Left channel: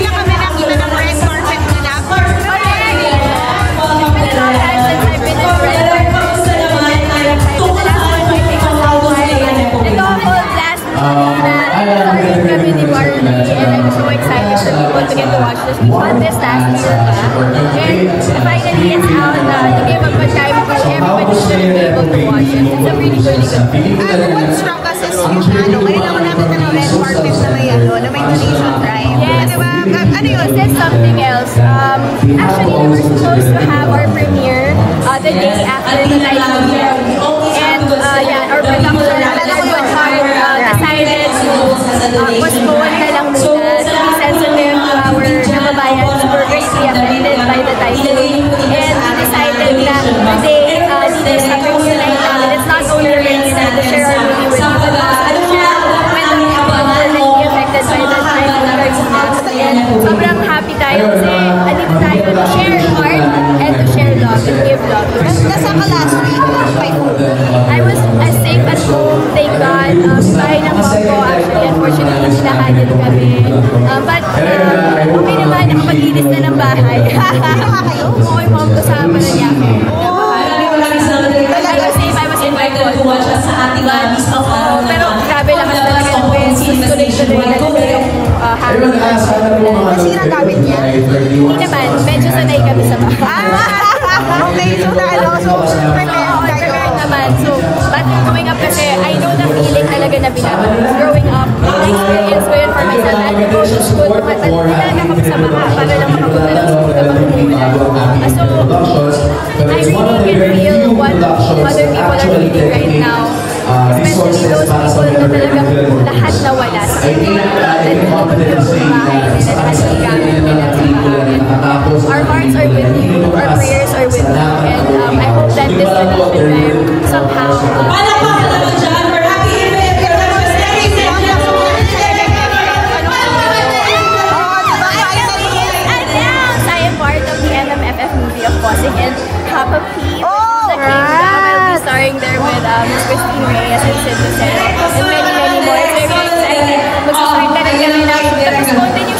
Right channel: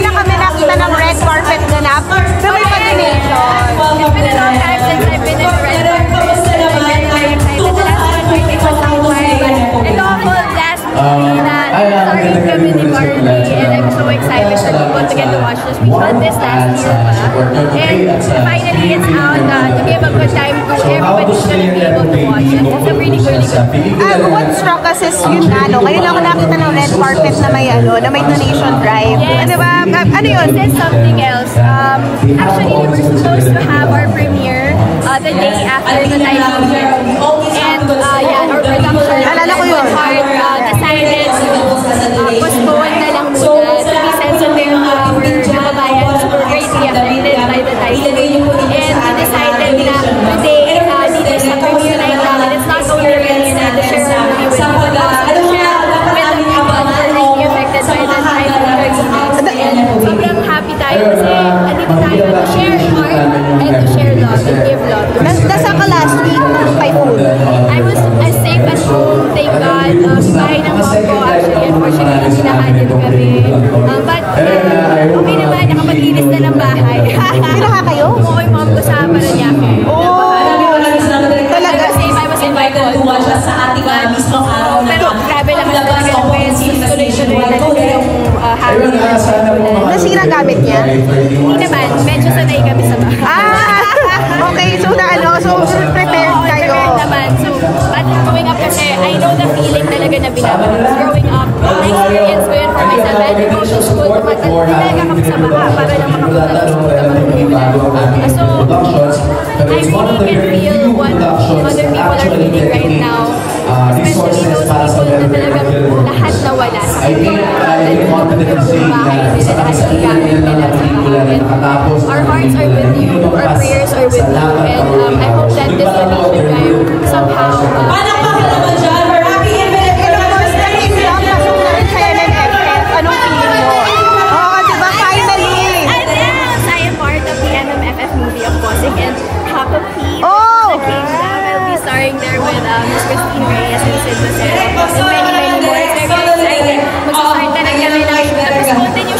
na kami nakita ng red carpet na napaka. It's been a long time since I've been in red carpet. I'm very, very excited. The last one, I think, was Hawaii. Ito ako last movie na starring kami ni Marley, and I'm so excited for people to get to watch this. We shot this last year pa, and finally it's out to give a good time to everybody's gonna be able to watch it. It's a really, really good film. What's strong kasi yun ngayon ako nakita ng red carpet na may donation drive. Yes. Diba? Ano yun? This is something else. Actually, we were supposed to have our premiere the day after the typhoon hit. And yeah, our production under Good Heart decided to postpone na lang muna to be sensitive to our kababayans who were greatly affected by the typhoon. And we decided na today, dito sa premiere night namin, it's not only a premiere night to share our movie with you, but also to share with the people who were greatly affected by the typhoon Karina. And sobrang happy tayo kasi andito tayo to share heart and to share love and give love to us. Nasa ka last week? I was safe at home, thank God. Bahay ng mom ko, actually, unfortunately, sinahalin kami. But okay naman, nakapaglinis na ng bahay. Oo, yung mom ko sa Paranaque na bahay. I was safe, I was in my phone. But, pero grabe lakas talaga ng wind. Tuloy-tuloy talaga yung hangin. Nasira gamit niya? Hindi naman, medyo sanay kami sa bahay. Okay, so prepared naman. So, but growing up kasi, I know the feeling talaga na binabalik. Growing up, na-experience ko yun for myself. I had to go to school, tumatalaga kami sa baha para lang makapunta ng school kapag umuulan. So, I really can feel what other people are feeling right now. Especially those people na talagang lahat nawala sa kanila. Yung bahay nila, lahat ng gamit nila sa bahay. Our hearts are with you, our prayers are with you, and I hope that this donation drive somehow MMFF movie of Bossing and Papa P. The Kingdom. I'll be starring there with Miss Christine Reyes and Sid Lucero and many, many more. It's very exciting. Mag-start na rin kami ng tapos continue